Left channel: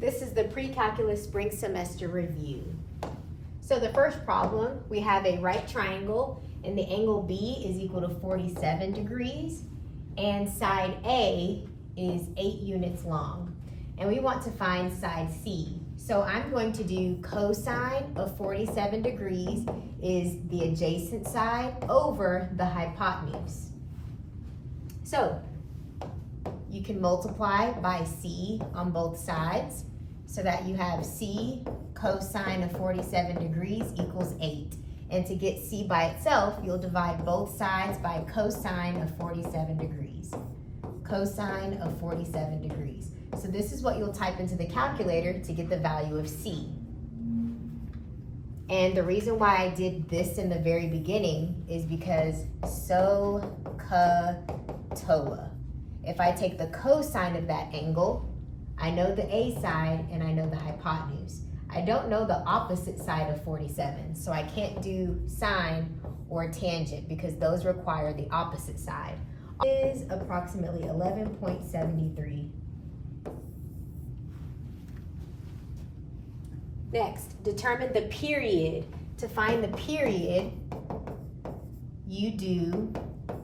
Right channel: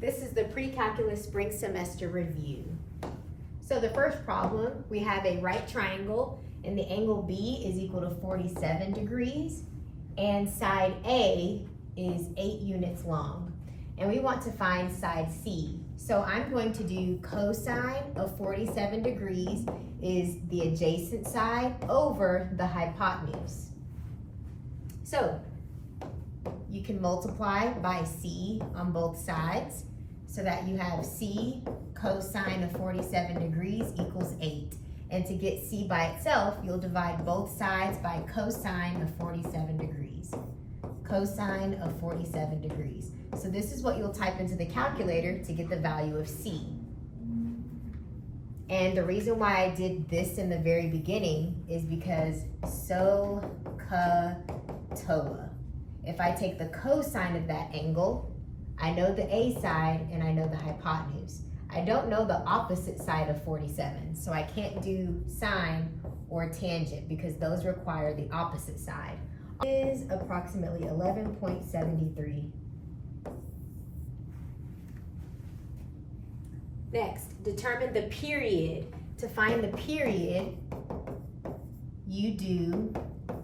This is the pre-calculus spring semester review. So the first problem, we have a right triangle and the angle B is equal to 47 degrees and side A is 8 units long. And we want to find side C. So I'm going to do cosine of 47 degrees is the adjacent side over the hypotenuse. So you can multiply by C on both sides so that you have C cosine of 47 degrees equals 8. And to get C by itself, you'll divide both sides by cosine of 47 degrees. Cosine of 47 degrees. So this is what you'll type into the calculator to get the value of C. And the reason why I did this in the very beginning is because SOHCAHTOA. If I take the cosine of that angle, I know the A side and I know the hypotenuse. I don't know the opposite side of 47, so I can't do sine or tangent because those require the opposite side. It is approximately 11.73. Next, determine the period. To find the period, you do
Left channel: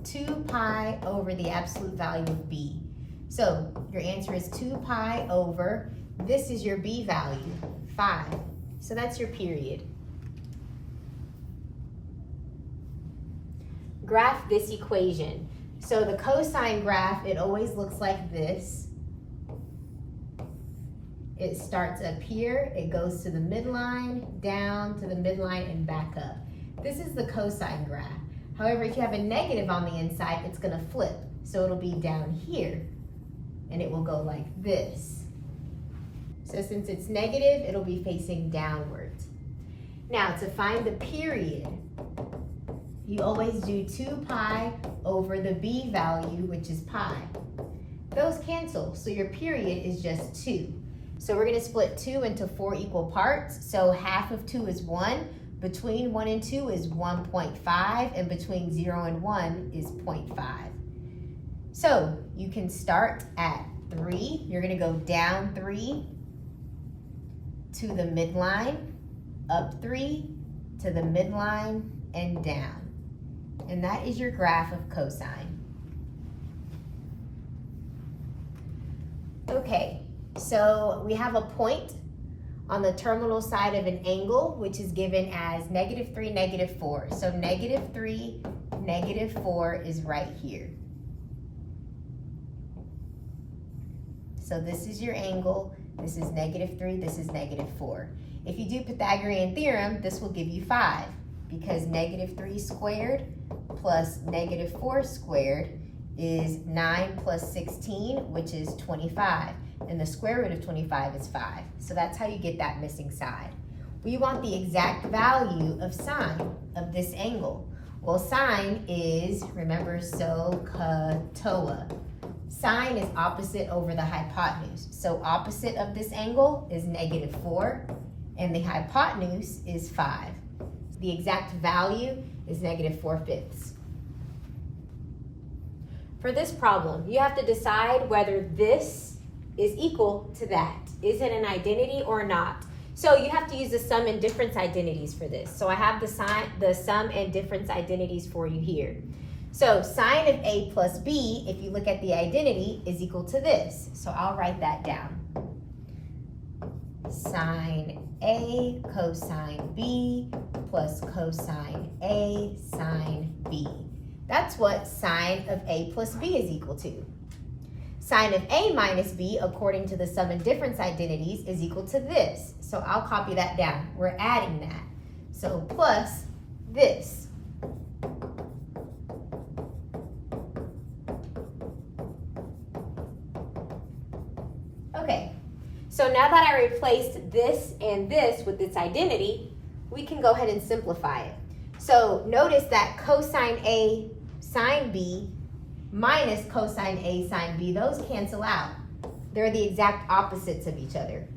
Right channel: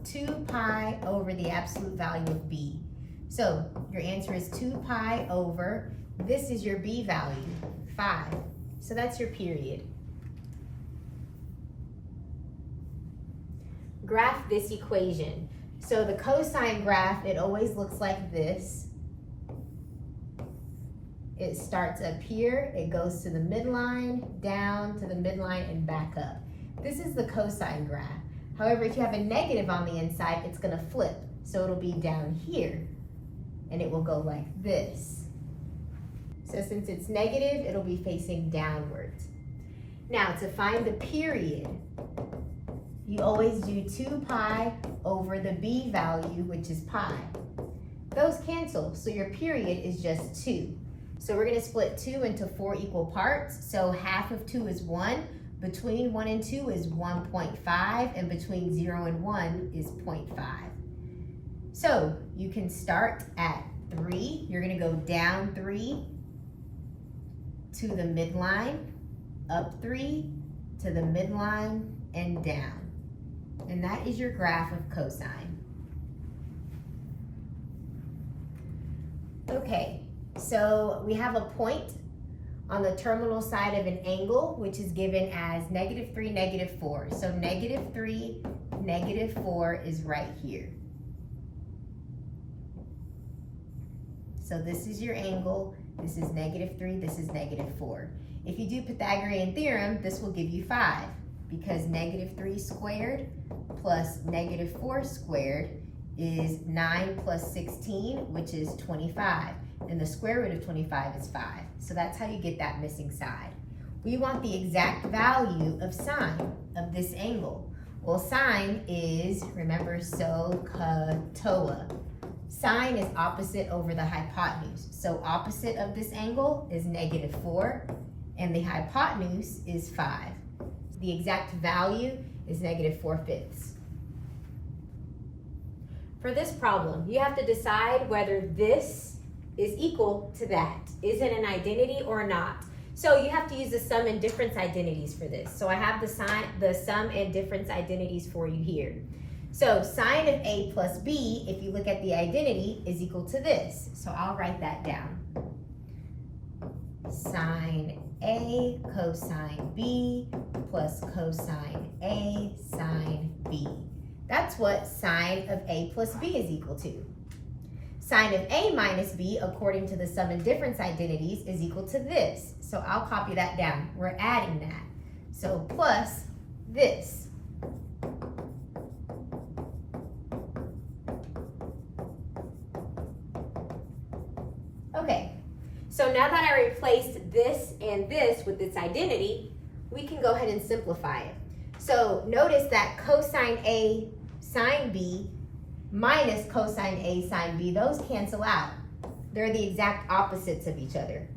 2 pi over the absolute value of B. So your answer is 2 pi over, this is your B value, 5. So that's your period. Graph this equation. So the cosine graph, it always looks like this. It starts up here, it goes to the midline, down to the midline, and back up. This is the cosine graph. However, if you have a negative on the inside, it's gonna flip. So it'll be down here, and it will go like this. So since it's negative, it'll be facing downwards. Now, to find the period, you always do 2 pi over the B value, which is pi. Those cancel, so your period is just 2. So we're gonna split 2 into 4 equal parts. So half of 2 is 1, between 1 and 2 is 1.5, and between 0 and 1 is 0.5. So you can start at 3, you're gonna go down 3 to the midline, up 3 to the midline, and down. And that is your graph of cosine. Okay, so we have a point on the terminal side of an angle, which is given as -3, -4. So -3, -4 is right here. So this is your angle, this is -3, this is -4. If you do Pythagorean theorem, this will give you 5, because -3 squared plus -4 squared is 9 plus 16, which is 25. And the square root of 25 is 5. So that's how you get that missing side. We want the exact value of sine of this angle. Well, sine is, remember, SOHCAHTOA. Sine is opposite over the hypotenuse. So opposite of this angle is -4, and the hypotenuse is 5. The exact value is -4/5. For this problem, you have to decide whether this is equal to that. Is it an identity or not? So you have to use the sum and difference identities for this. So I have the sum and difference identities for you here. So sine of A plus B, if you look at the identity, is equal to this. So I'll write that down. Sine A cosine B plus cosine A sine B. That's what sine of A plus B is equal to. Sine of A minus B, according to the sum and difference identities, is equal to this. So I'll copy that down. We're adding that. So plus this. Okay, so now that I replaced this and this with its identity, we can go ahead and simplify it. So notice that cosine A sine B minus cosine A sine B, those cancel out. They're the exact opposites of each other.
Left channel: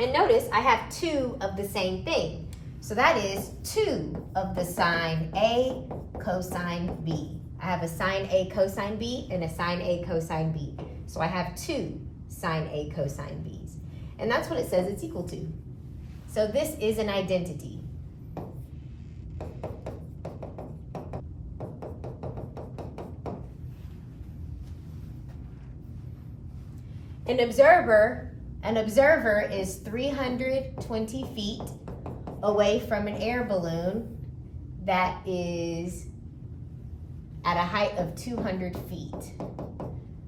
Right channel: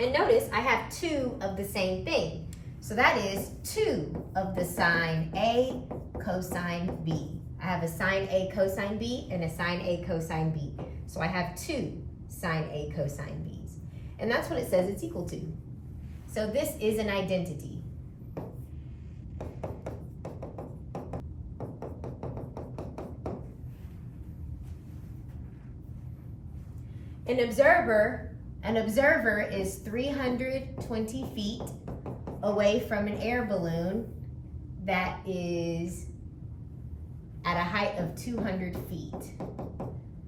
And notice I have 2 of the same thing. So that is 2 of the sine A cosine B. I have a sine A cosine B and a sine A cosine B. So I have 2 sine A cosine B's. And that's what it says it's equal to. So this is an identity. An observer is 320 feet away from an air balloon that is at a height of 200 feet.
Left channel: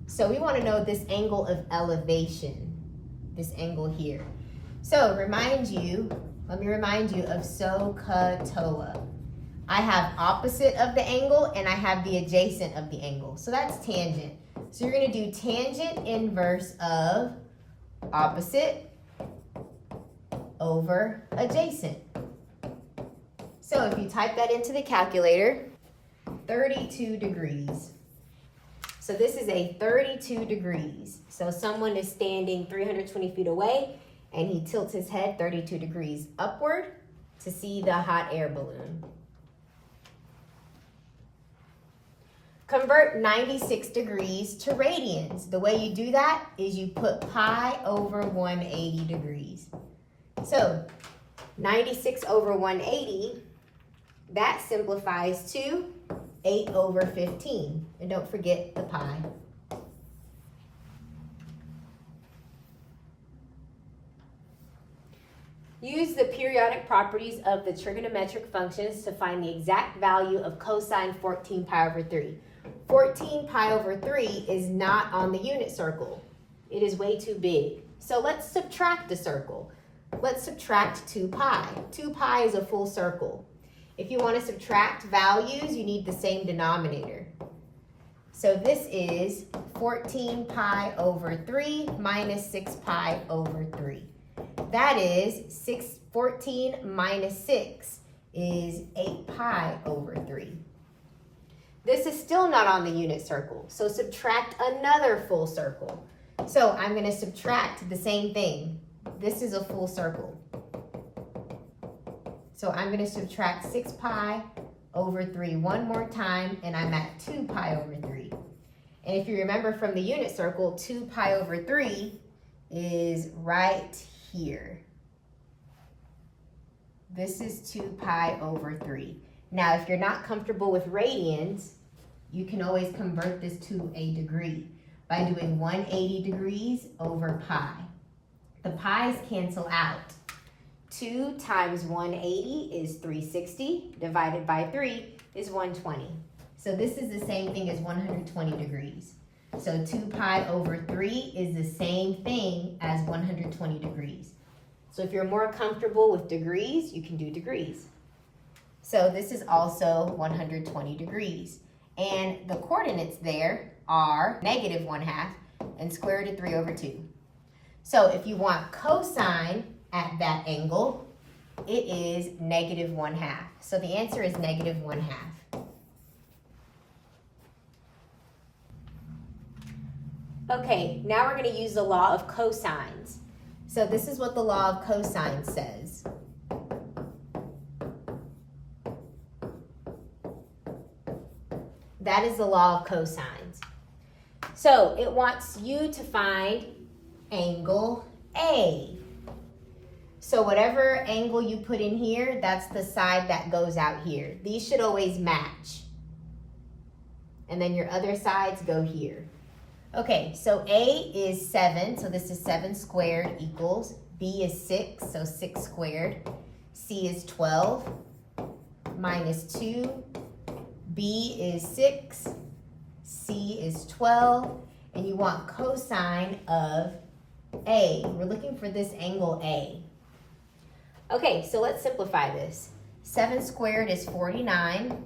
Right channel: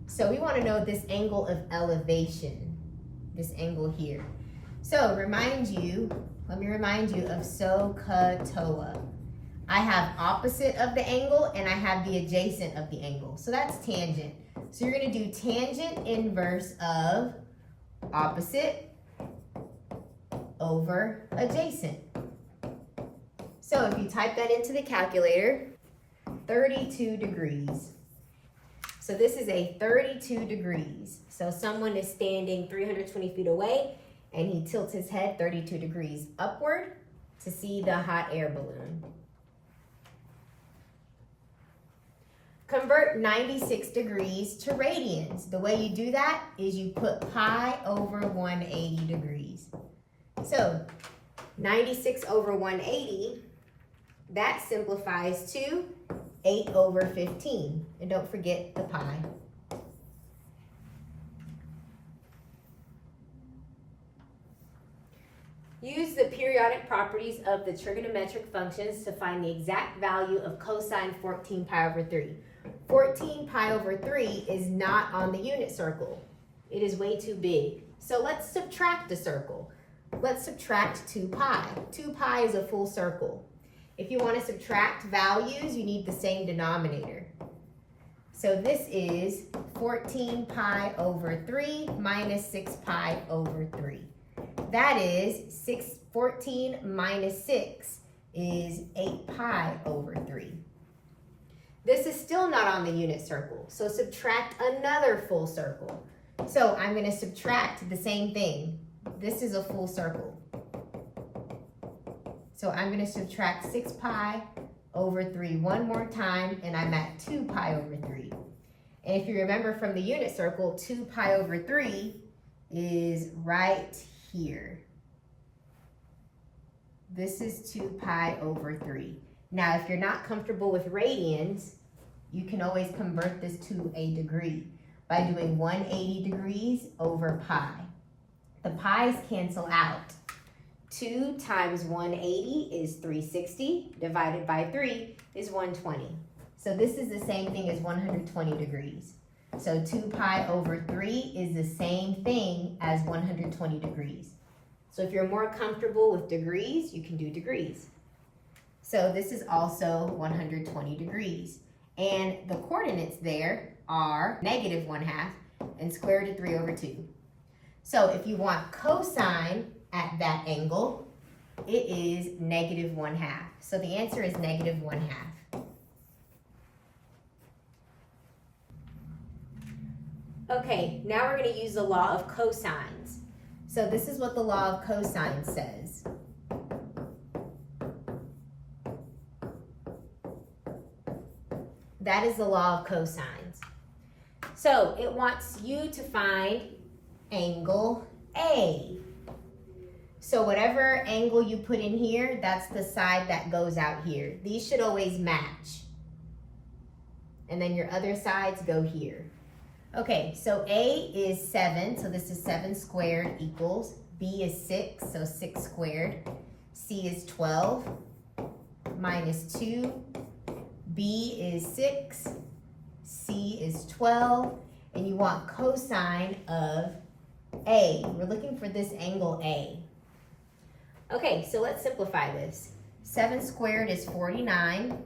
So we want to know this angle of elevation, this angle here. So let me remind you of SOHCAHTOA. I have opposite of the angle and I have the adjacent of the angle. So that's tangent. So you're going to do tangent inverse of opposite over adjacent. So if you type that into the calculator, 32 degrees. So this is a 32 degrees. So someone is standing 320 feet away and he tilts his head 32 degrees upward to see the hot air balloon. Convert 96 degrees to radians. The way you do that is you put pi over 180 degrees. So 96 over 180, that simplifies to 8 over 15. And don't forget the pi. Use the periodic properties of the trigonometric functions to find the exact value of cosine 14 pi over 3. 14 pi over 3 is not on the unit circle. It is way too big. So let's subtract the circle. Let's subtract 2 pi. 2 pi is a full circle. If you want to subtract values, you need the same denominator. So this is 14 pi over 3 minus 6 pi over 3. That is 14 minus 6 is 8 pi over 3. This is still not on the unit circle, so subtract another full circle. So I'm going to subtract the same thing. This is a full circle. So I'm going to subtract 6 pi over 3 one more time, and I'm at 2 pi over 3. And if you remember from the unit circle, 2 pi over 3 is right here. This is 2 pi over 3. Now, if you're not comfortable with radians, you can always convert this to a degree by doing 180 degrees over pi. The pi's cancel out. 2 times 180 is 360, divided by 3 is 120. So this is the same thing as 120 degrees. So 2 pi over 3 is the same thing as 120 degrees. So if you're more comfortable with degrees, you can do degrees. So this is also 120 degrees. And the coordinates there are negative 1/2 and square root of 3 over 2. So if you want cosine at that angle, it is negative 1/2. So the answer is negative 1/2. Okay, now we're going to use the law of cosines. So this is what the law of cosines says. That is the law of cosines. So it wants you to find angle A. So whatever angle you put in here, that's the side that goes out here. These should always match. And then your other sides go here. Okay, so A is 7, so this is 7 squared equals. B is 6, so 6 squared. C is 12 minus 2. B is 6, C is 12, and you want cosine of A. We're looking for this angle A. Okay, so let's simplify this. 7 squared is 49,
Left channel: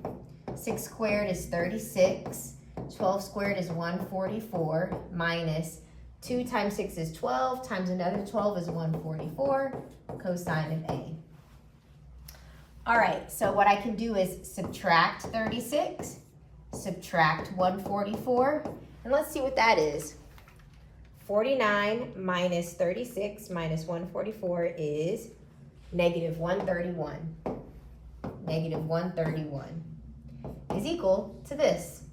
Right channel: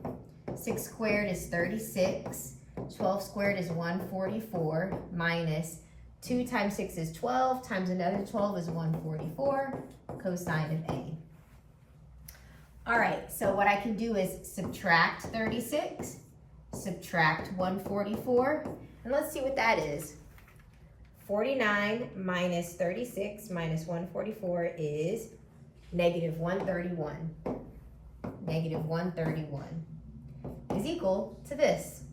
6 squared is 36, 12 squared is 144, minus 2 times 6 is 12, times another 12 is 144, cosine of A. All right, so what I can do is subtract 36, subtract 144, and let's see what that is. 49 minus 36 minus 144 is negative 131. Negative 131 is equal to this.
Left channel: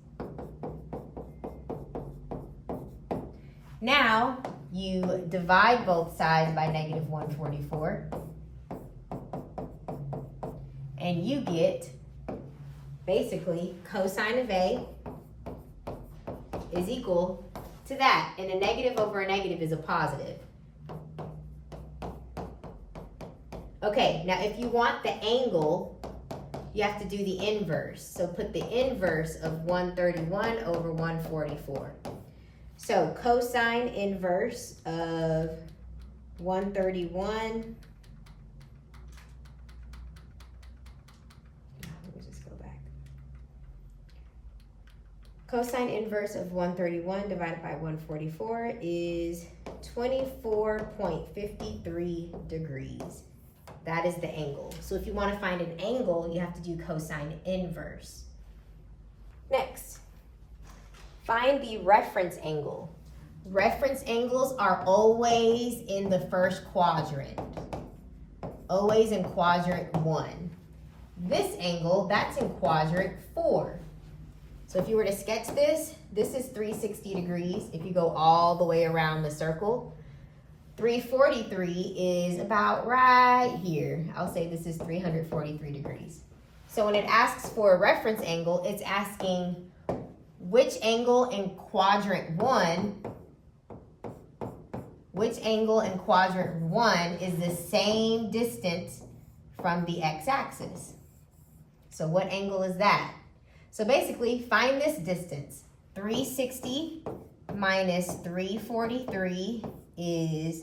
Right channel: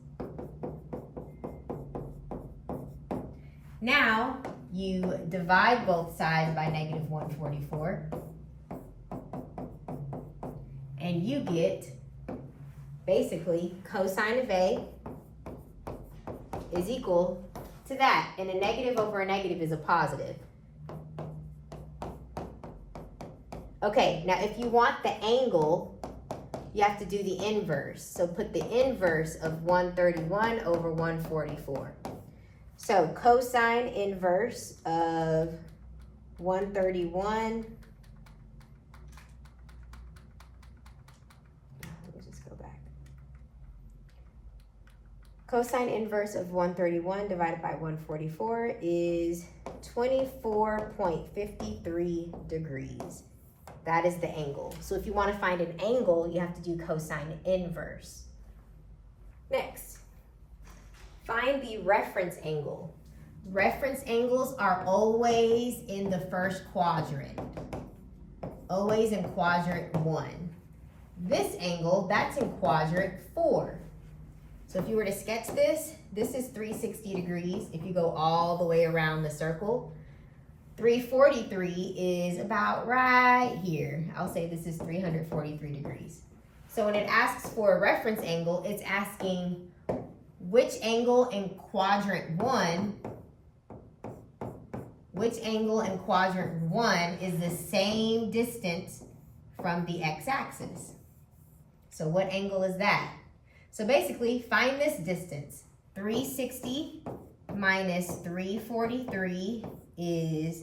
Now, you divide both sides by negative 144, and you get basically cosine of A is equal to that, and a negative over a negative is a positive. Okay, now if you want the angle, you have to do the inverse. So put the inverse of 131 over 144. So cosine inverse of 131, let me just go back. Cosine inverse of 131 divided by 144 is 24.53 degrees. That is the angle. So if you want to find an angle, you have to do cosine inverse. Next, find the reference angle. Reference angles are always in the first quadrant. Always in quadrant 1. This angle, that's in quadrant 4. So if you were to sketch this, this is 360 degrees if you go all the way around the circle. 343 is about right here. I'll say this is 343 degrees. So when it asks for a reference angle, it's asking which angle in quadrant 1, is the same distance from the x-axis. So what angle is that? So basically, find this distance. 360 minus 343 is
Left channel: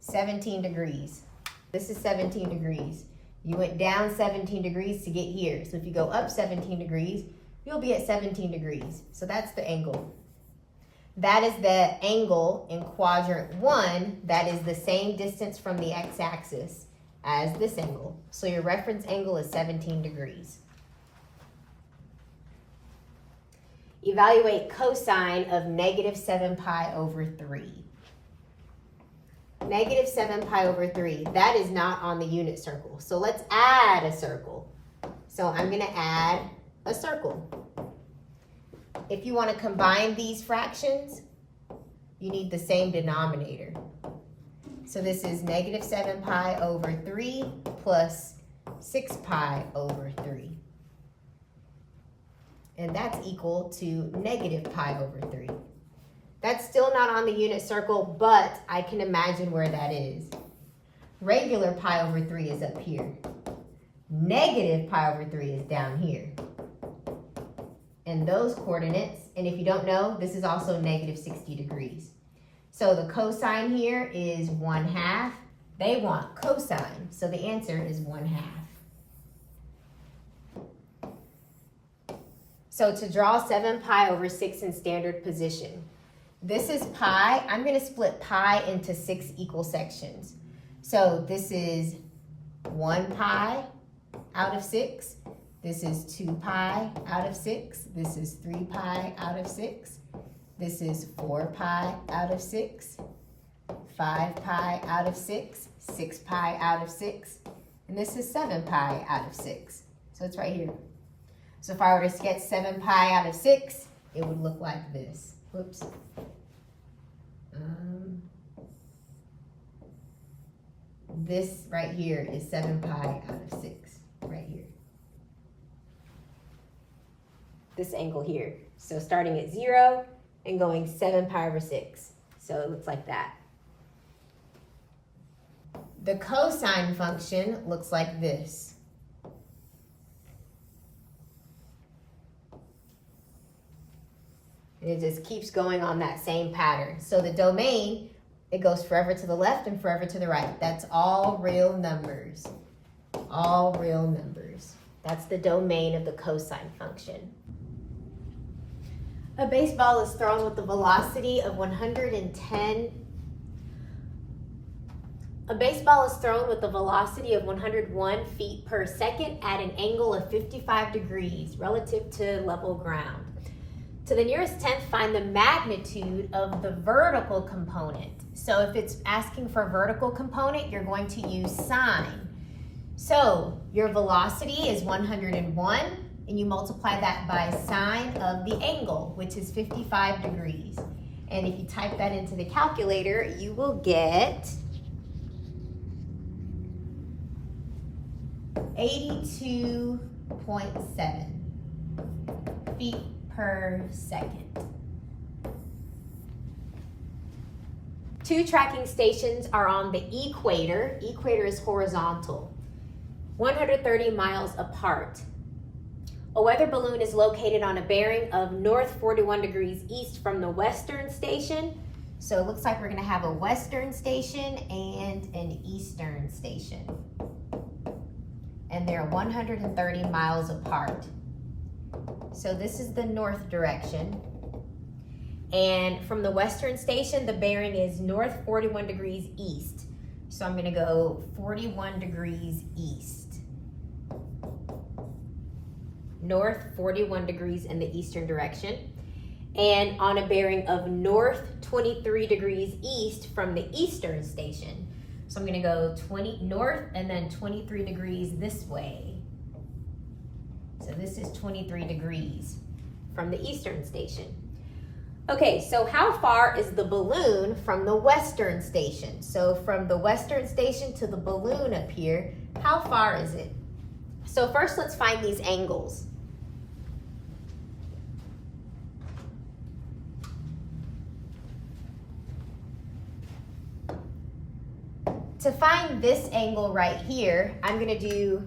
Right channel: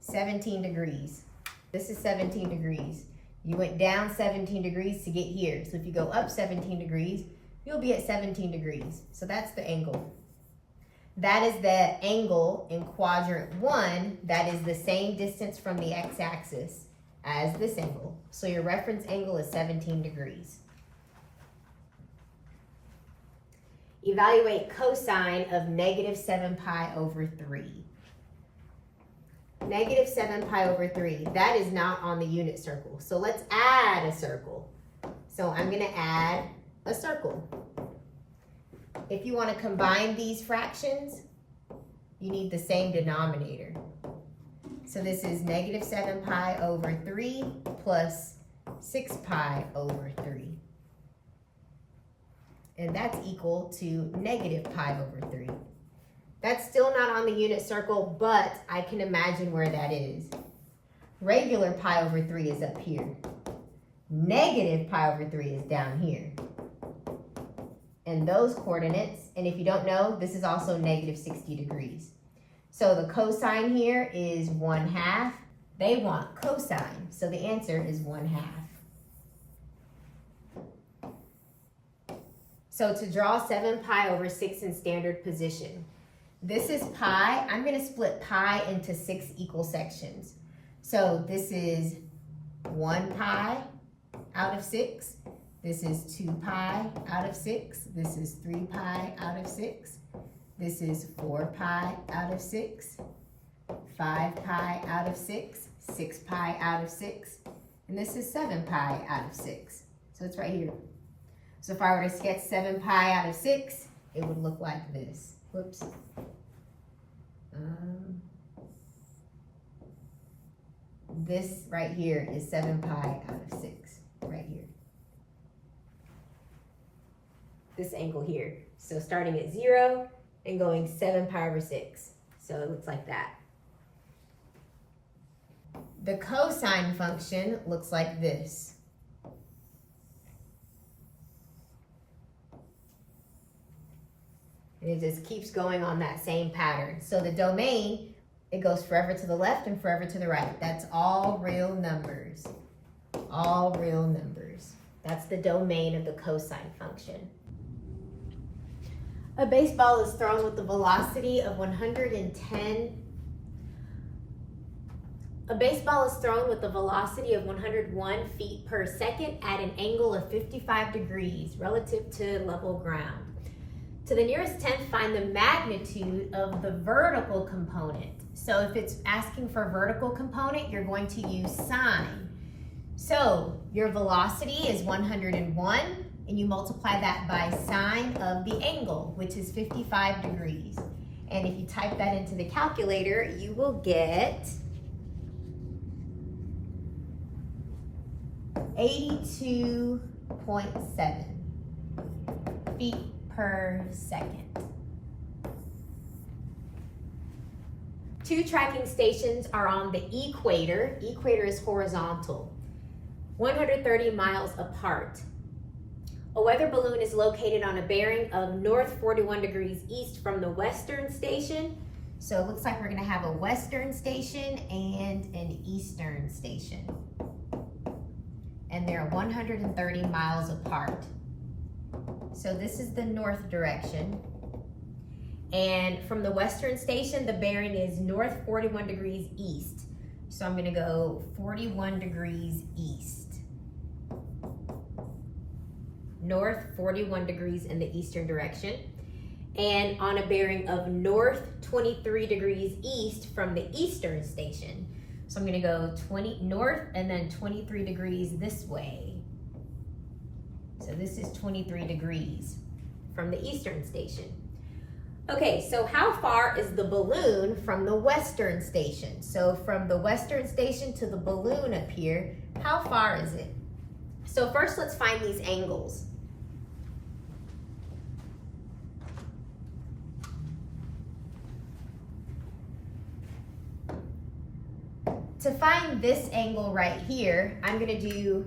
17 degrees. This is 17 degrees. You went down 17 degrees to get here. So if you go up 17 degrees, you'll be at 17 degrees. So that's the angle. That is the angle in quadrant 1 that is the same distance from the x-axis as this angle. So your reference angle is 17 degrees. Evaluate cosine of negative 7 pi over 3. Negative 7 pi over 3, that is not on the unit circle. So let's add a circle. So I'm going to add a circle. If you want to combine these fractions, you need the same denominator. So this is negative 7 pi over 3 plus 6 pi over 3. And that's equal to negative pi over 3. That's still not on the unit circle, but I can imagine where that is. Regular pi over 3 is up here. Negative pi over 3 is down here. And those coordinates, and if you don't know, this is also negative 60 degrees. So the cosine here is 1/2. They want cosine, so the answer is 1/2. So to draw 7 pi over 6 in standard position, this is pi. I'm going to split pi into 6 equal sections. So this is 1 pi out of 6. This is 2 pi out of 6. This is 3 pi out of 6. This is 4 pi out of 6. 5 pi out of 6. 6 pi out of 6. And this is 7 pi out of 6. So it's right here. So if I were to sketch 7 pi out of 6, it would look like this. Whoops. This right here is 7 pi out of 6, right here. This angle here. So starting at 0 and going 7 pi over 6. So it looks like that. The cosine function looks like this. And it just keeps going on that same pattern. So the domain, it goes forever to the left and forever to the right. That's all real numbers. All real numbers. That's the domain of the cosine function. A baseball is thrown with the velocity of 110. A baseball is thrown with a velocity of 101 feet per second at an angle of 55 degrees relative to level ground. To the nearest tenth, find the magnitude of the vertical component. So if it's asking for a vertical component, you're going to use sine. So your velocity is 101, and you multiply that by sine of the angle, which is 55 degrees. And if you type that into the calculator, you will get 82.7 feet per second. 2 tracking stations are on the equator. Equator is horizontal, 130 miles apart. A weather balloon is located on a bearing of north 41 degrees east from the western station. So it looks like we're going to have a western station and an eastern station. And they're 130 miles apart. So this is the north direction. And from the western station, the bearing is north 41 degrees east. So I'm going to go 41 degrees east. North 41 degrees in the eastern direction. And on a bearing of north 23 degrees east from the eastern station. So I'm going to go 20 north and then 23 degrees this way. So this is 23 degrees from the eastern station. Okay, so how far is the balloon from the western station? So from the western station to the balloon up here, how far is it? So first let's find these angles. To find this angle right here, I'm going to do,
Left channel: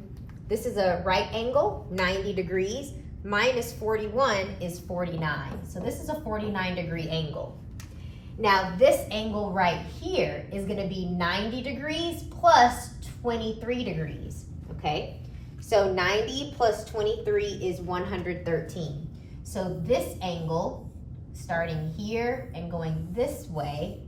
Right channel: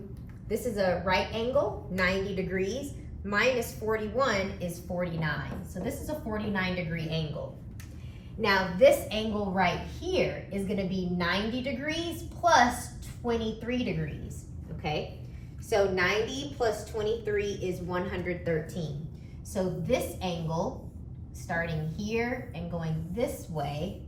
this is a right angle, 90 degrees, minus 41 is 49. So this is a 49-degree angle. Now this angle right here is going to be 90 degrees plus 23 degrees, okay? So 90 plus 23 is 113. So this angle, starting here and going this way,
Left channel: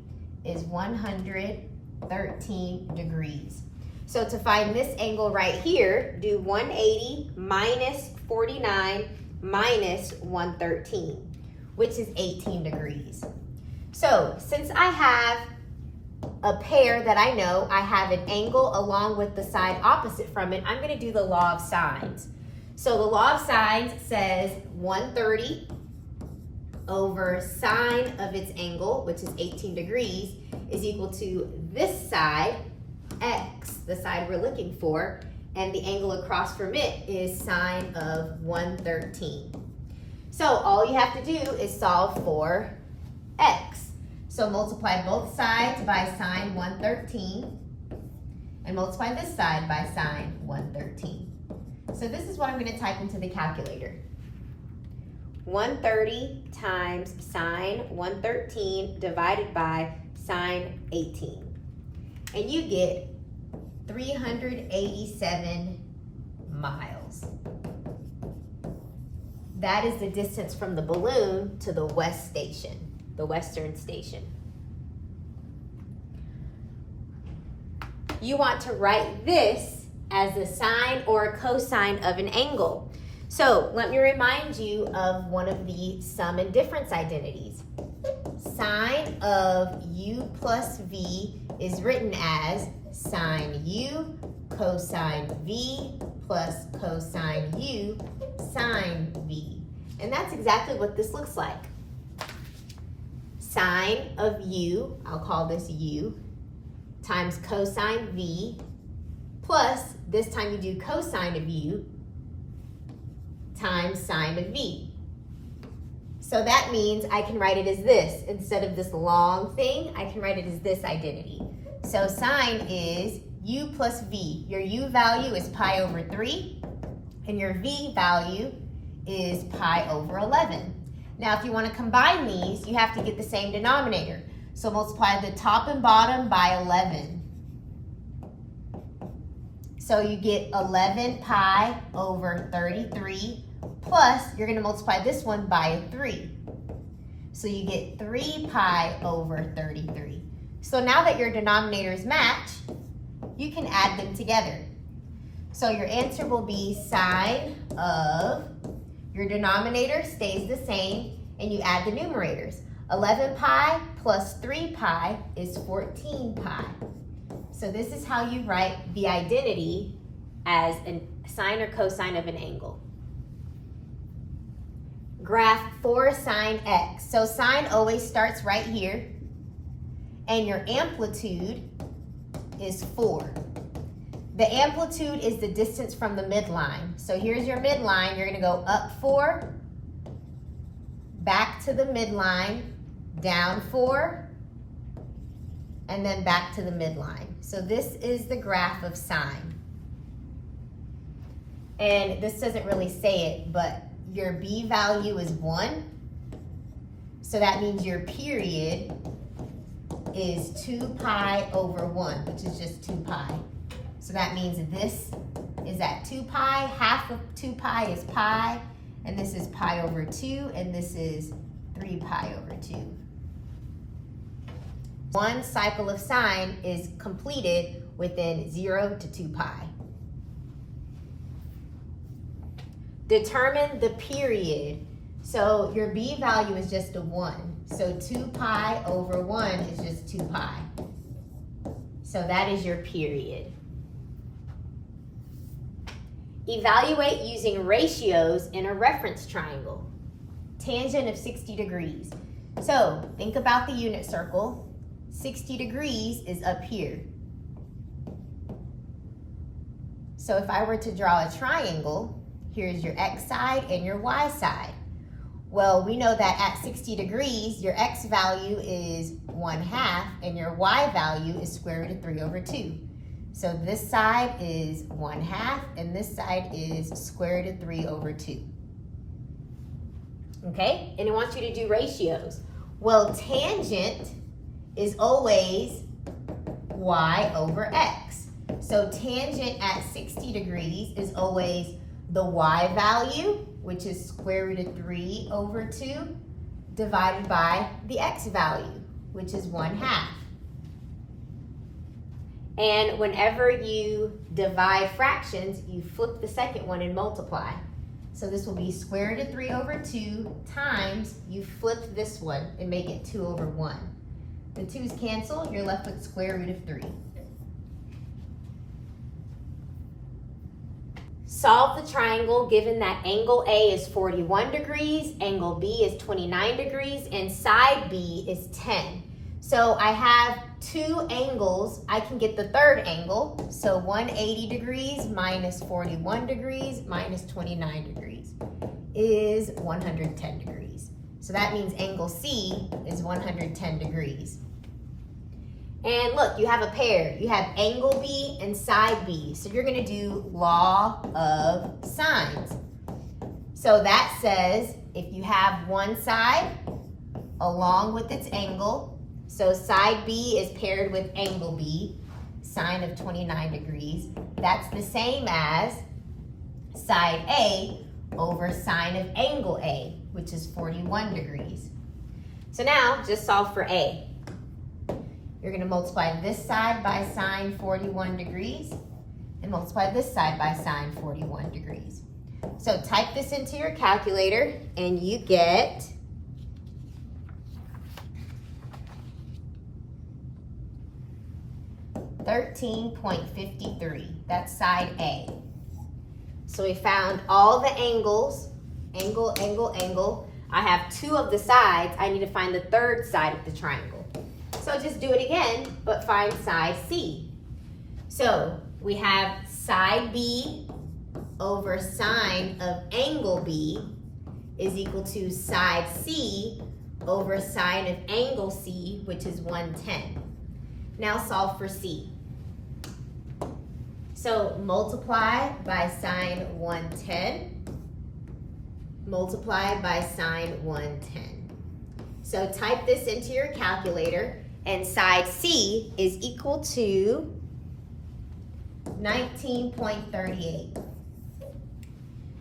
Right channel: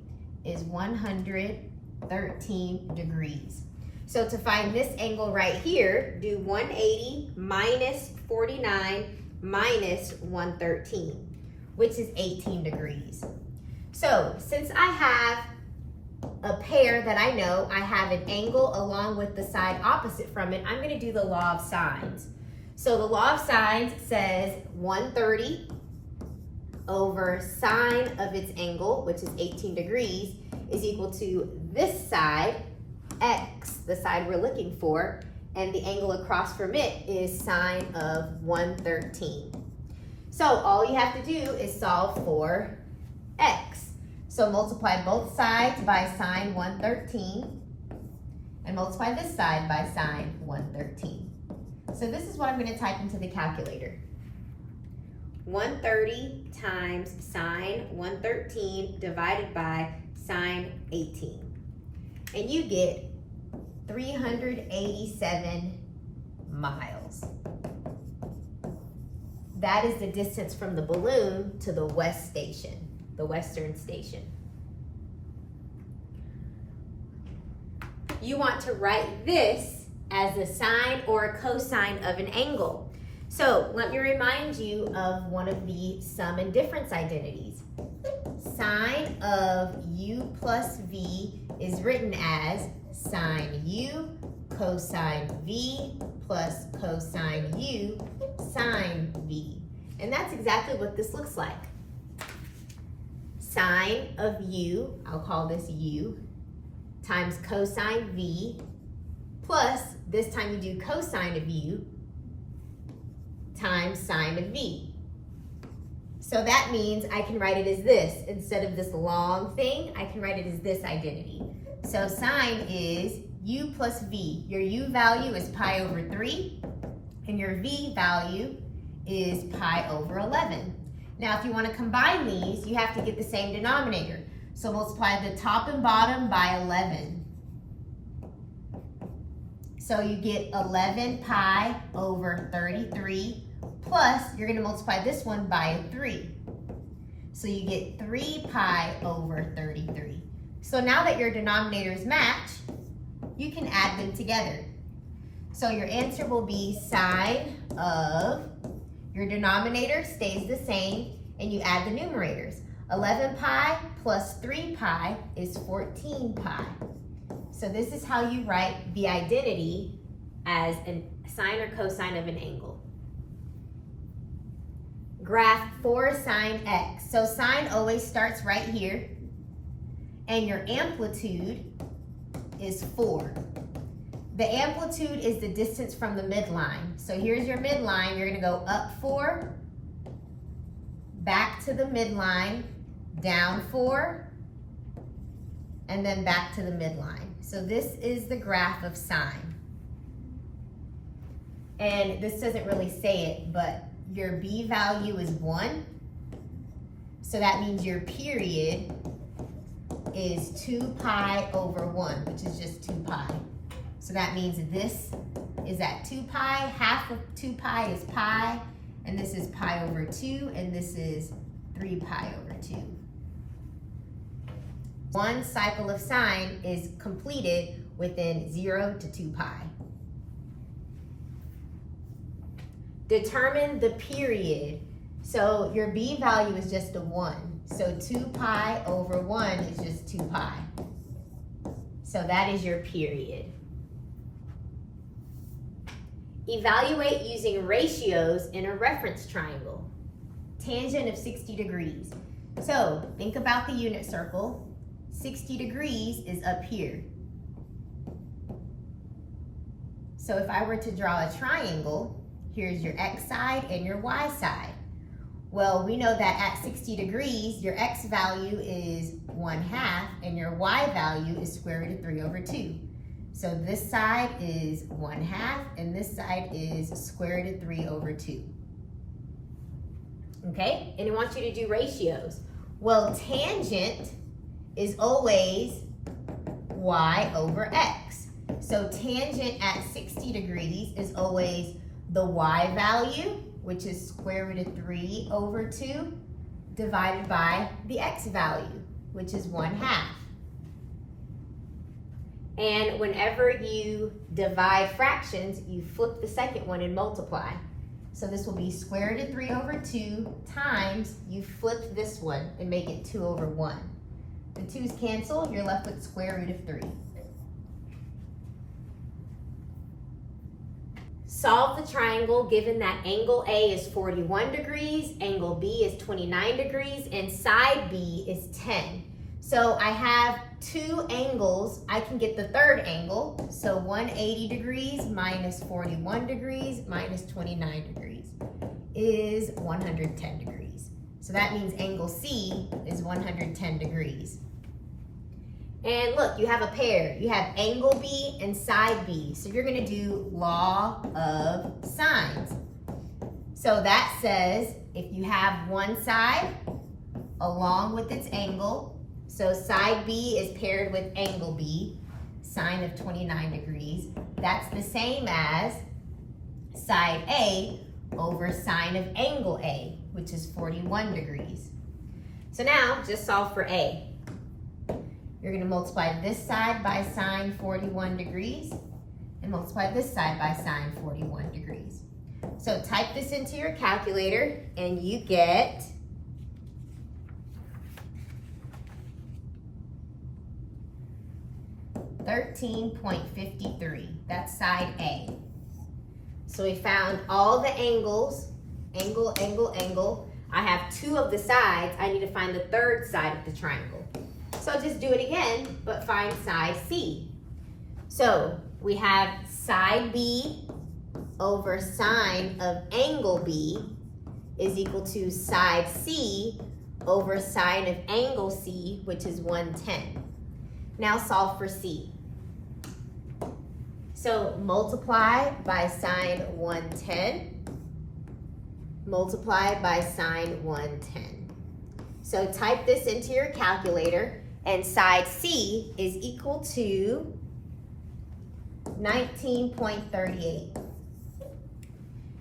is 113 degrees. So to find this angle right here, do 180 minus 49 minus 113, which is 18 degrees. So since I have a pair that I know, I have an angle along with the side opposite from it, I'm going to do the law of sines. So the law of sines says 130 over sine of its angle, which is 18 degrees, is equal to this side, x, the side we're looking for, and the angle across from it is sine of 113. So all you have to do is solve for x. So multiply both sides by sine 113, and multiply this side by sine 113. So this is what I'm going to type into the calculator. 130 times sine 113 divided by sine 18. And you get 387 miles. That is the distance from the balloon to the west station, the western station. You want to write this as a sine or a cosine of an angle. So let me remind you of one of the sum and difference identities. Sine of u plus v is written as sine u cosine v plus cosine u sine v. And that's exactly what this looks like. Sine of u, I'll call this u, times cosine v, plus this time you do cosine of u times sine of v. So that means I can write it as this. Instead of this long thing, I can write it as this identity. So sine is u plus v. Your u value is pi over 3, and your v value is pi over 11. Now, if you want to combine these, you have to get the same denominator. So multiply the top and bottom by 11. So you get 11 pi over 33, plus you're going to multiply this one by 3. So you get 3 pi over 33. So now that your denominators match, you can add them together. So your answer will be sine of, your denominator stays the same, and you add the numerators. 11 pi plus 3 pi is 14 pi. So this is how you write the identity as a sine or cosine of an angle. graph 4 sine x. So sine always starts right here, and your amplitude is 4. The amplitude is the distance from the midline. So here's your midline. You're going to go up 4, back to the midline, down 4, and then back to the midline. So this is the graph of sine. And this doesn't really say it, but your B value is 1. So that means your period is 2 pi over 1, which is just 2 pi. So that means this is at 2 pi, half of 2 pi is pi, and this is pi over 2, and this is 3 pi over 2. One cycle of sine is completed within 0 to 2 pi. Determine the period. So your B value is just a 1. So 2 pi over 1 is just 2 pi. So that is your period. Evaluate using ratios in a reference triangle. Tangent of 60 degrees. So think about the unit circle. 60 degrees is up here. So if I were to draw a triangle, here's your x side and your y side. Well, we know that at 60 degrees, your x value is 1/2 and your y value is square root of 3 over 2. So this side is 1/2 and this side is square root of 3 over 2. Okay, and it wants you to do ratios. Well, tangent is always y over x. So tangent at 60 degrees is always the y value, which is square root of 3 over 2, divided by the x value, which is 1/2. And whenever you divide fractions, you flip the second one and multiply. So this will be square root of 3 over 2 times, you flip this one and make it 2 over 1. The 2's cancel, you're left with square root of 3. Solve the triangle given that angle A is 41 degrees, angle B is 29 degrees, and side B is 10. So I have 2 angles. I can get the third angle. So 180 degrees minus 41 degrees minus 29 degrees is 110 degrees. So that means angle C is 110 degrees. And look, you have a pair. You have angle B and side B. So you're going to do law of sines. So that says if you have one side along with its angle, so side B is paired with angle B, sine of 29 degrees. That's the same as side A over sine of angle A, which is 41 degrees. So now just solve for A. You're going to multiply this side by sine 41 degrees and multiply this side by sine 41 degrees. So type this into your calculator and you get 13.53. That's side A. So we found all the angles, angle, angle, angle. I have 2 of the sides. I need to find the third side of the triangle. So just do it again, but find side C. So we have side B over sine of angle B is equal to side C over sine of angle C, which is 110. Now solve for C. So multiply by sine 110, multiply by sine 110. So type this into your calculator, and side C is equal to 19.38.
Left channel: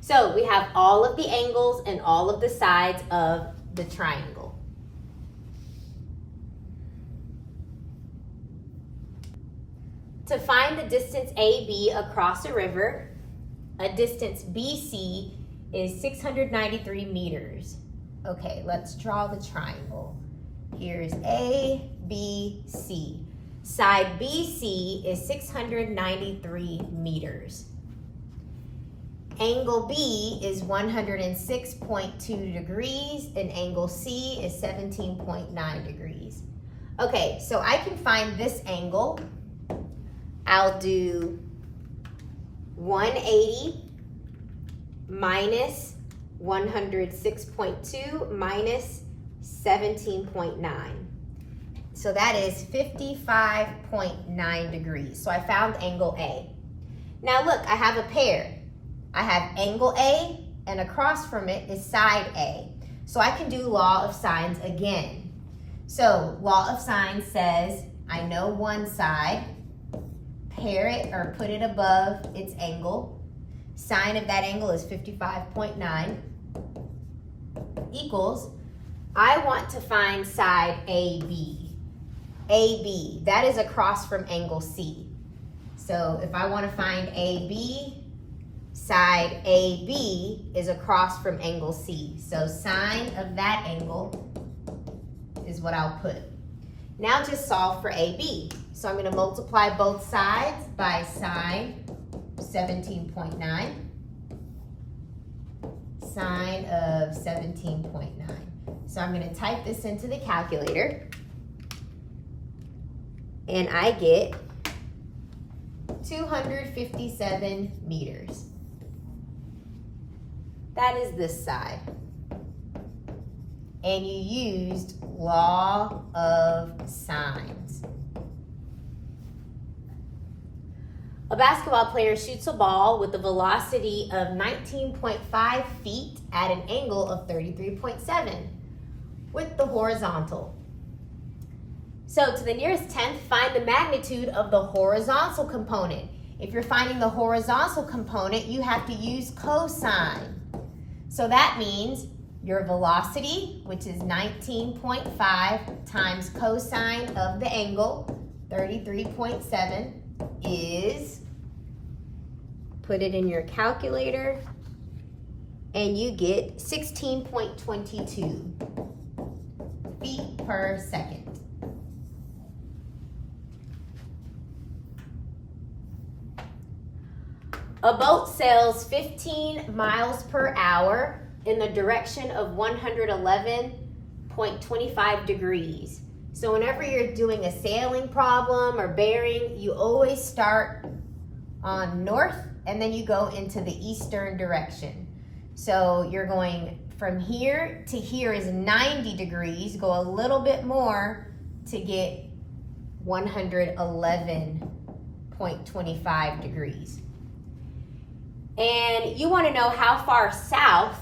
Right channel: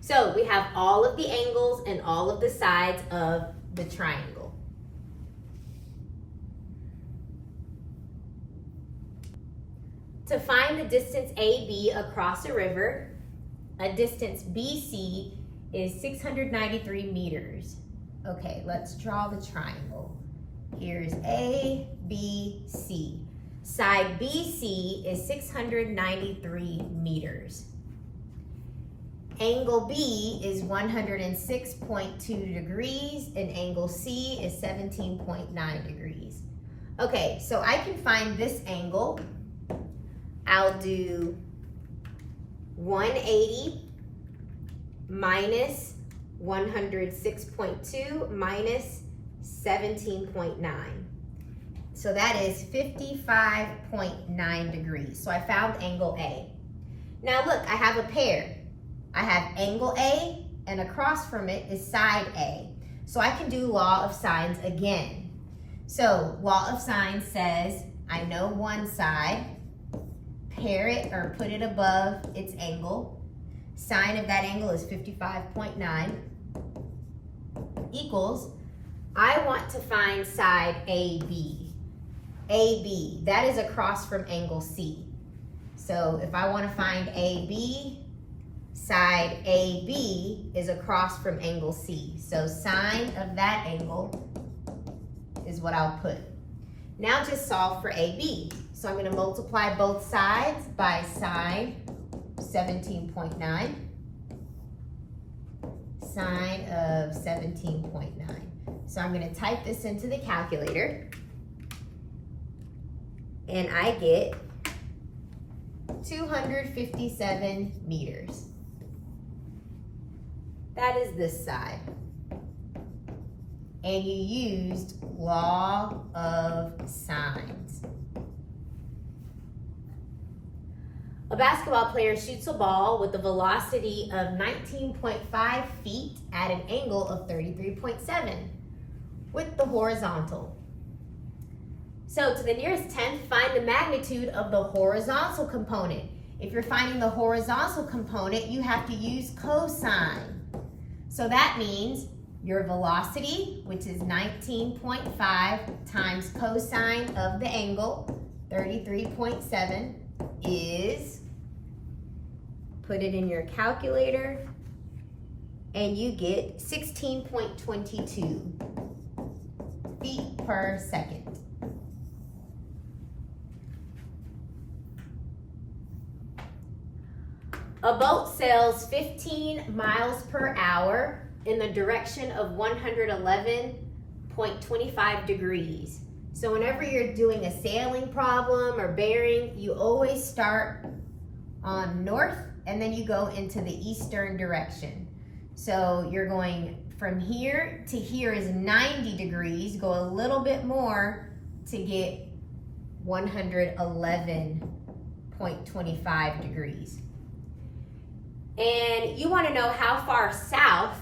So we have all of the angles and all of the sides of the triangle. To find the distance AB across a river, a distance BC is 693 meters. Okay, let's draw the triangle. Here's A, B, C. Side BC is 693 meters. angle B is 106.2 degrees and angle C is 17.9 degrees. Okay, so I can find this angle. I'll do 180 minus 106.2 minus 17.9. So that is 55.9 degrees. So I found angle A. Now look, I have a pair. I have angle A and across from it is side A. So I can do law of sines again. So law of sines says I know one side, pair it or put it above its angle. Sine of that angle is 55.9 equals, I want to find side AB. AB, that is across from angle C. So if I want to find AB, side AB is across from angle C. So sine of that angle is what I'll put. Now just solve for AB. So I'm going to multiply both sides by sine 17.9. Sine of 17.9. So I'm going to type this into the calculator. And I get 257 meters. That is this side. And you used law of sines. A basketball player shoots a ball with a velocity of 19.5 feet at an angle of 33.7 with the horizontal. So to the nearest tenth, find the magnitude of the horizontal component. If you're finding the horizontal component, you have to use cosine. So that means your velocity, which is 19.5 times cosine of the angle, 33.7, is, put it in your calculator, and you get 16.22 feet per second. A boat sails 15 miles per hour in the direction of 111.25 degrees. So whenever you're doing a sailing problem or bearing, you always start on north and then you go into the eastern direction. So you're going from here to here is 90 degrees, go a little bit more to get 111.25 degrees. And you want to know how far south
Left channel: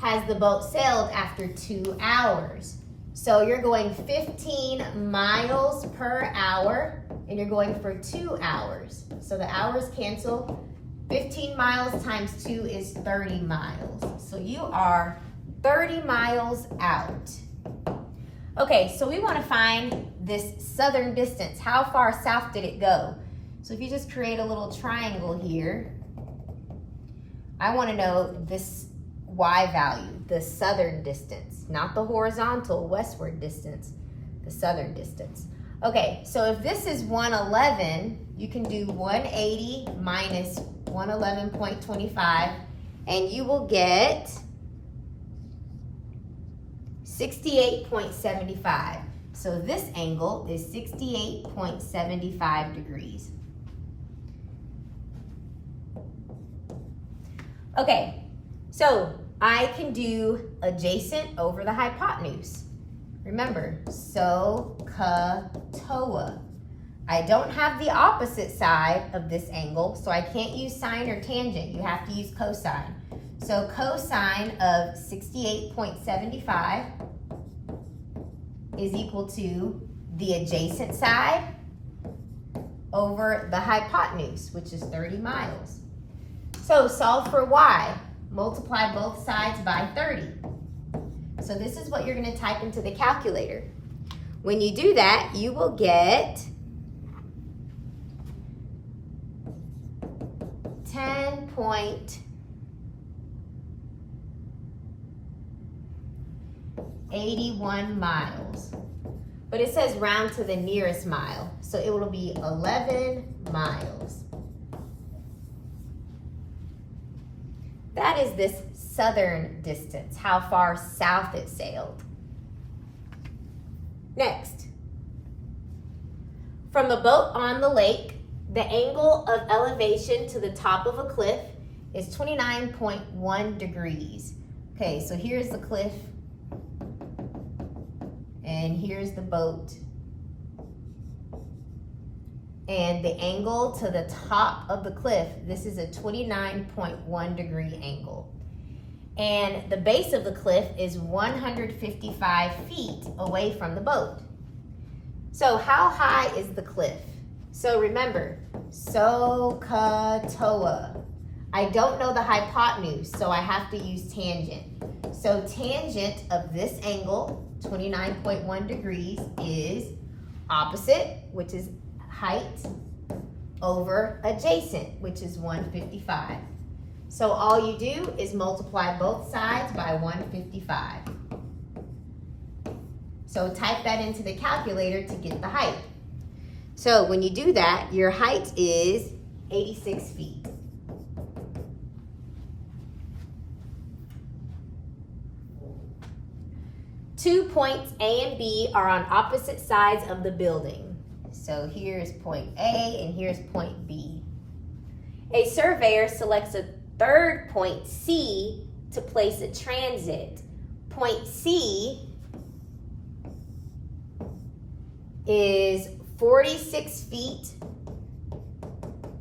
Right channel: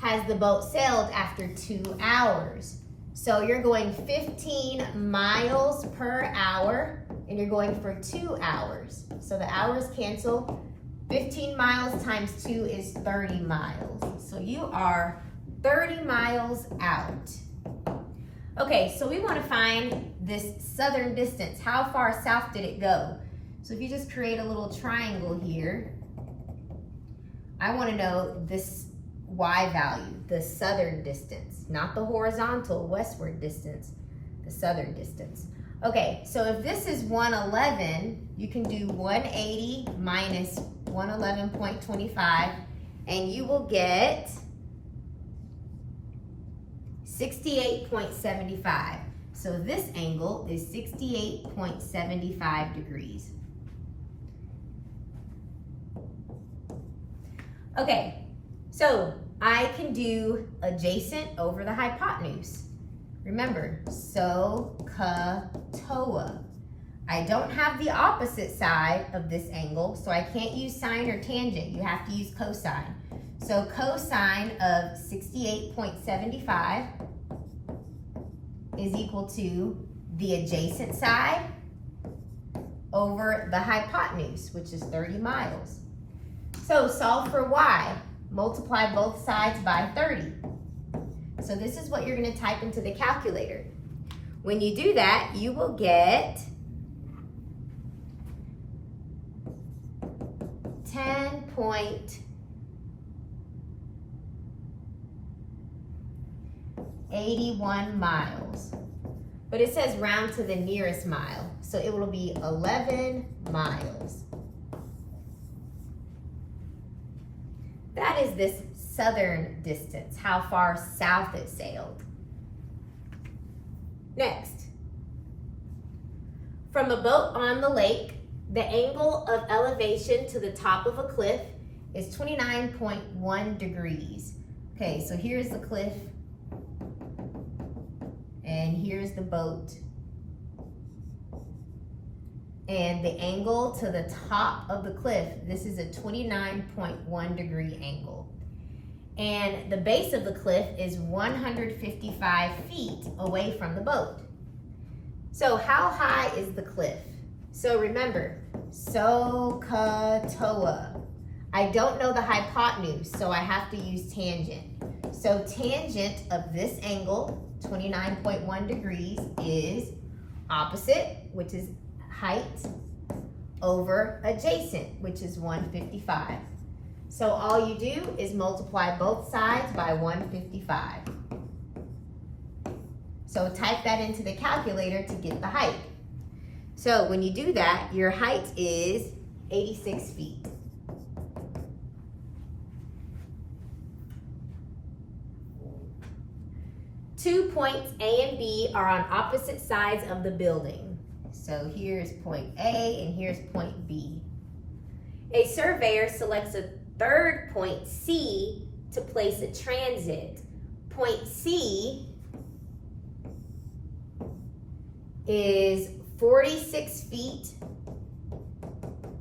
has the boat sailed after 2 hours. So you're going 15 miles per hour and you're going for 2 hours. So the hours cancel. 15 miles times 2 is 30 miles. So you are 30 miles out. Okay, so we want to find this southern distance. How far south did it go? So if you just create a little triangle here, I want to know this y value, the southern distance, not the horizontal westward distance, the southern distance. Okay, so if this is 111, you can do 180 minus 111.25, and you will get 68.75. So this angle is 68.75 degrees. Okay, so I can do adjacent over the hypotenuse. Remember, SOHCAHTOA. I don't have the opposite side of this angle, so I can't use sine or tangent. You have to use cosine. So cosine of 68.75 is equal to the adjacent side over the hypotenuse, which is 30 miles. So solve for y. Multiply both sides by 30. So this is what you're going to type into the calculator. When you do that, you will get 10.81 miles. But it says round to the nearest mile. So it will be 11 miles. That is this southern distance, how far south it sailed. Next, from a boat on the lake, the angle of elevation to the top of a cliff is 29.1 degrees. Okay, so here's the cliff, and here's the boat. And the angle to the top of the cliff, this is a 29.1 degree angle. And the base of the cliff is 155 feet away from the boat. So how high is the cliff? So remember, SOHCAHTOA. I don't know the hypotenuse, so I have to use tangent. So tangent of this angle, 29.1 degrees, is opposite, which is height, over adjacent, which is 155. So all you do is multiply both sides by 155. So type that into the calculator to get the height. So when you do that, your height is 86 feet. Two points A and B are on opposite sides of the building. So here's point A and here's point B. A surveyor selects a third point C to place a transit. Point C is 46 feet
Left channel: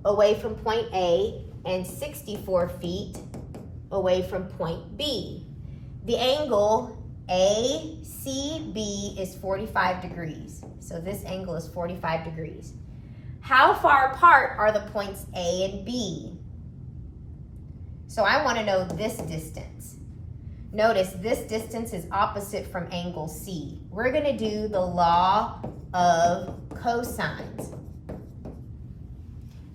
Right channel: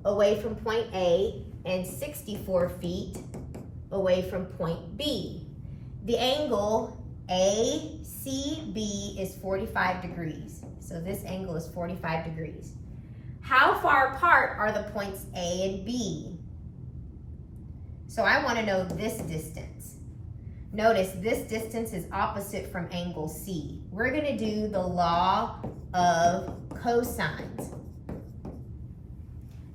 away from point A and 64 feet away from point B. The angle ACB is 45 degrees. So this angle is 45 degrees. How far apart are the points A and B? So I want to know this distance. Notice this distance is opposite from angle C. We're going to do the law of cosines.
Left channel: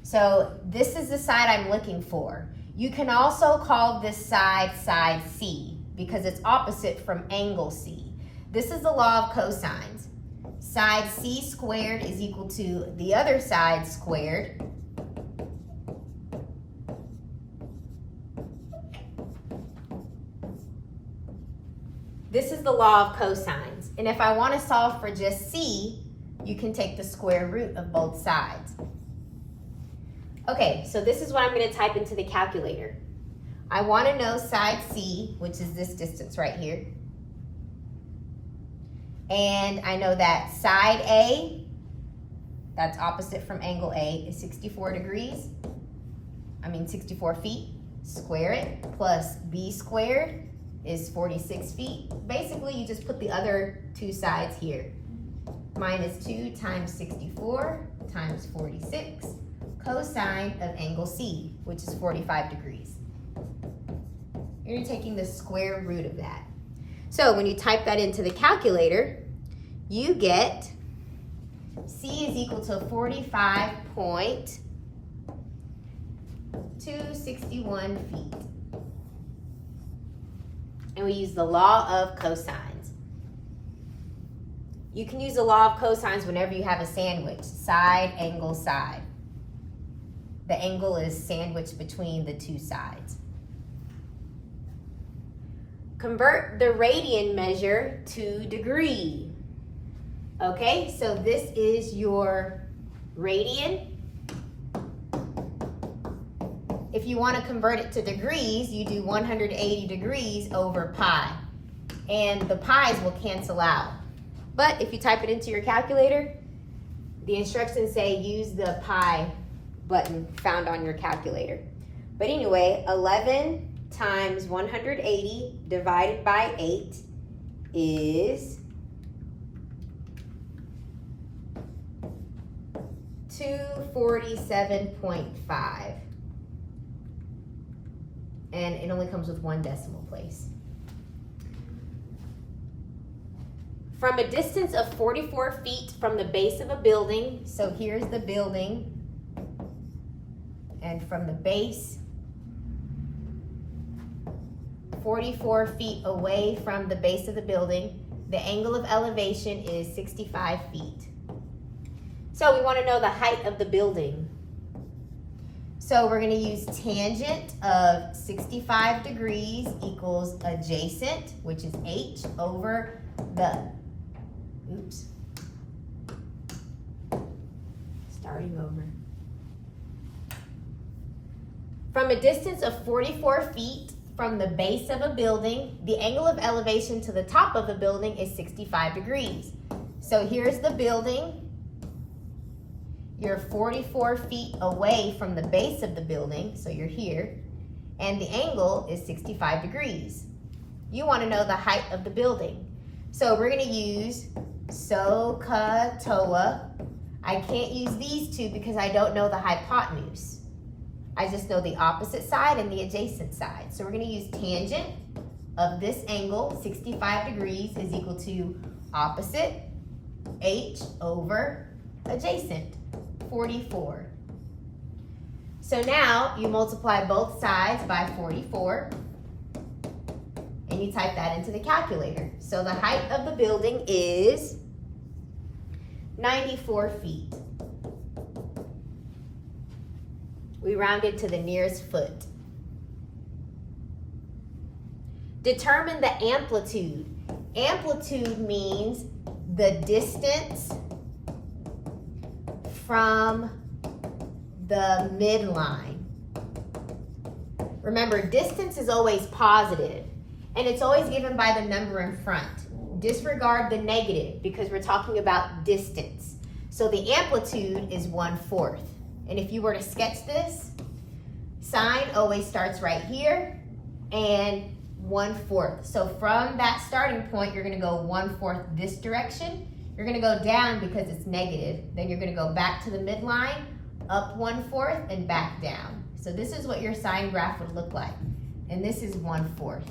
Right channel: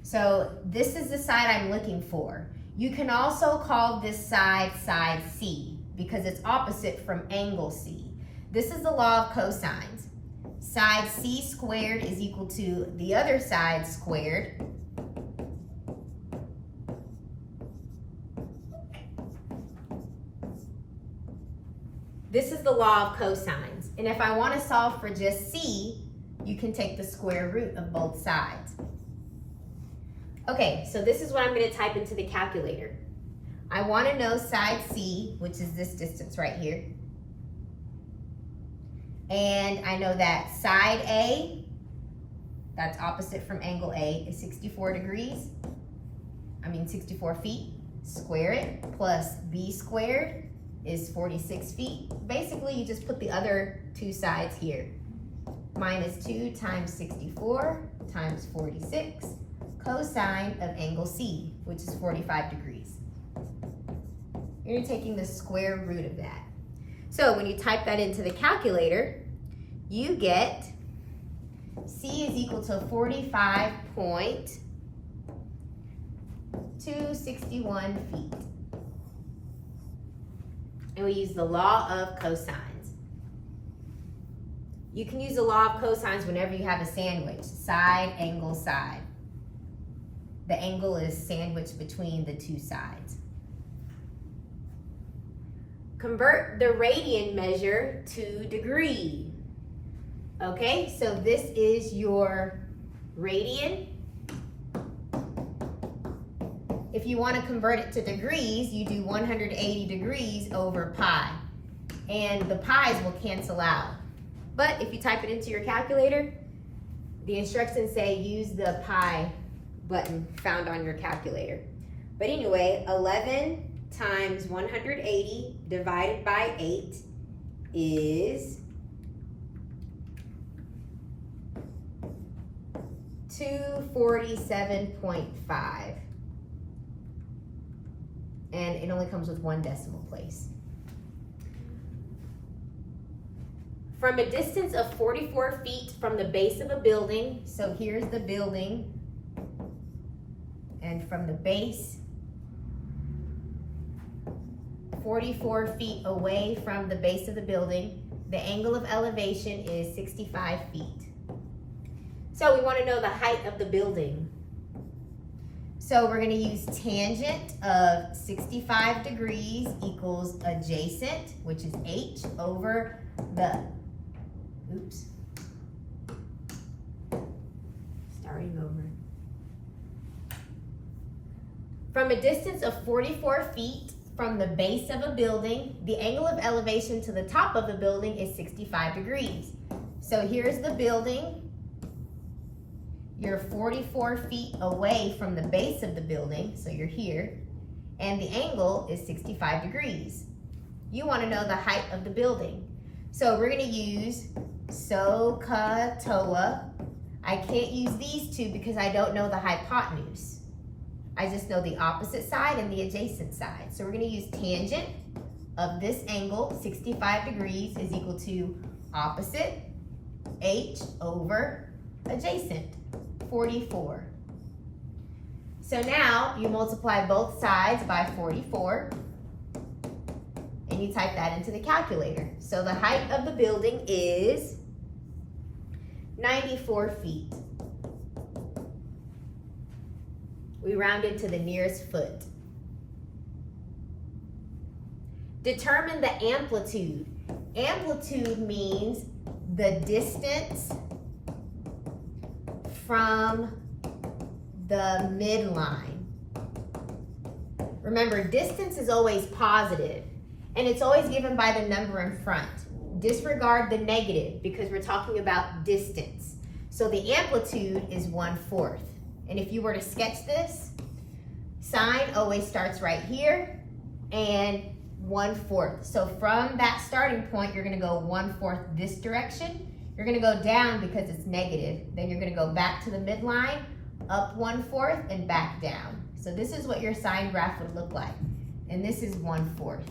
So this is the side I'm looking for. You can also call this side side C because it's opposite from angle C. This is the law of cosines. Side C squared is equal to the other side squared. This is the law of cosines. And if I want to solve for just C, you can take the square root of both sides. Okay, so this is what I'm going to type into the calculator. I want to know side C, which is this distance right here. And I know that side A, that's opposite from angle A, is 64 feet. Square it, plus B squared is 46 feet. Basically, you just put the other two sides here. Minus 2 times 64 times 46, cosine of angle C, which is 45 degrees. You're taking the square root of that. So when you type that into the calculator, you get C is equal to 45.261 feet. And we use the law of cosines. You can use the law of cosines whenever you have a sandwich. Side, angle, side. The angle is sandwiched between the two sides. Convert the radian measure to degree. Okay, so this is your radian. If you want to convert it to degrees, you do 180 degrees over pi. And the pi's will cancel out. But if you type it into your calculator, the instructions say use the pi button found on your calculator. But anyway, 11 times 180 divided by 8 is 247.5. And it only comes with one decimal place. From a distance of 44 feet from the base of a building, so here's the building, and from the base, 44 feet away from the base of the building, the angle of elevation is 65 feet. So we want to know the height of the building. So we're gonna use tangent of 65 degrees equals adjacent, which is h over the, oops, starting over. From a distance of 44 feet from the base of a building, the angle of elevation to the top of the building is 65 degrees. So here's the building. You're 44 feet away from the base of the building, so you're here, and the angle is 65 degrees. You want to know the height of the building. So we're going to use SOHCAHTOA. I can't use these two because I don't know the hypotenuse. I just know the opposite side and the adjacent side. So we're going to use tangent of this angle, 65 degrees, is equal to opposite, h over adjacent, 44. So now you multiply both sides by 44 and you type that into the calculator. So the height of the building is 94 feet. We rounded to the nearest foot. Determine the amplitude. Amplitude means the distance from the midline. Remember, distance is always positive, and it's always given by the number in front. Disregard the negative because we're talking about distance. So the amplitude is 1/4. And if you were to sketch this, sine always starts right here and 1/4. So from that starting point, you're going to go 1/4 this direction. You're going to go down because it's negative. Then you're going to go back to the midline, up 1/4 and back down. So this is what your sine graph would look like. And this is 1/4.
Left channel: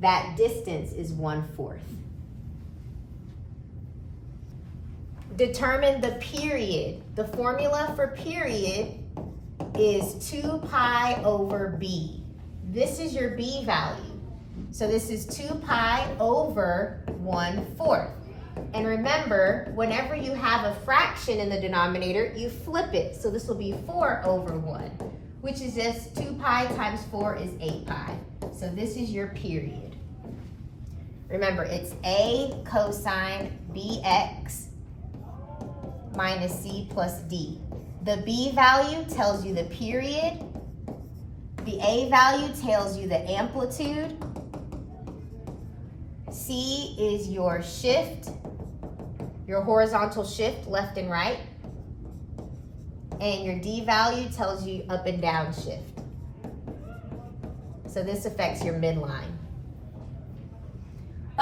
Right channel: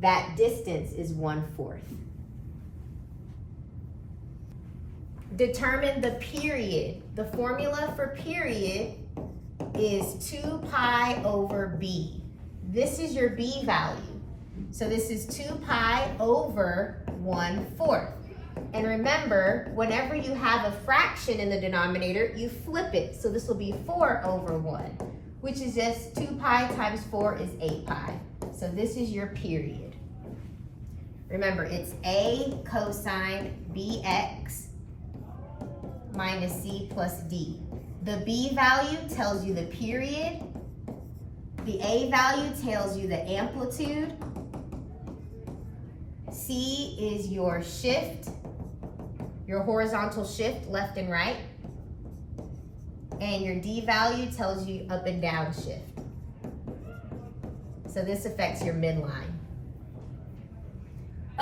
That distance is 1/4. Determine the period. The formula for period is 2 pi over b. This is your b value. So this is 2 pi over 1/4. And remember, whenever you have a fraction in the denominator, you flip it. So this will be 4 over 1, which is just 2 pi times 4 is 8 pi. So this is your period. Remember, it's a cosine bx minus c plus d. The b value tells you the period. The a value tells you the amplitude. C is your shift, your horizontal shift, left and right. And your d value tells you up and down shift. So this affects your midline.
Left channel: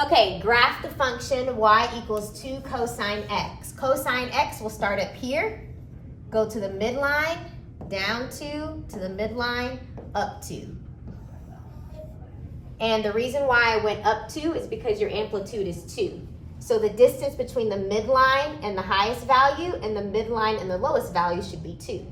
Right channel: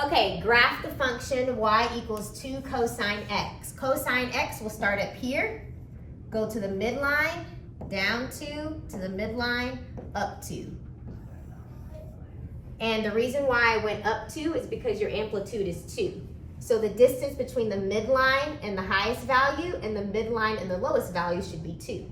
Okay, graph the function y equals 2 cosine x. Cosine x will start up here, go to the midline, down 2, to the midline, up 2. And the reason why I went up 2 is because your amplitude is 2. So the distance between the midline and the highest value and the midline and the lowest value should be 2.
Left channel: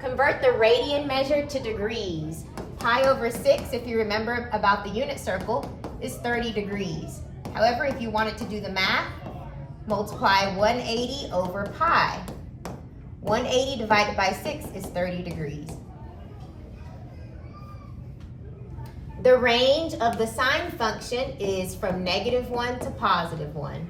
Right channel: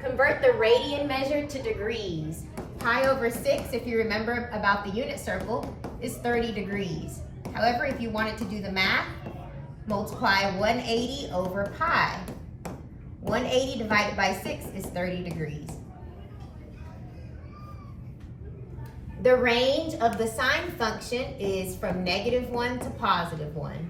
Convert the radian measure to degrees. Pi over 6, if you remember about the unit circle, is 30 degrees. However, if you wanted to do the math, multiply 180 over pi. 180 divided by 6 is 30 degrees. The range of the sine function is from -1 to +1.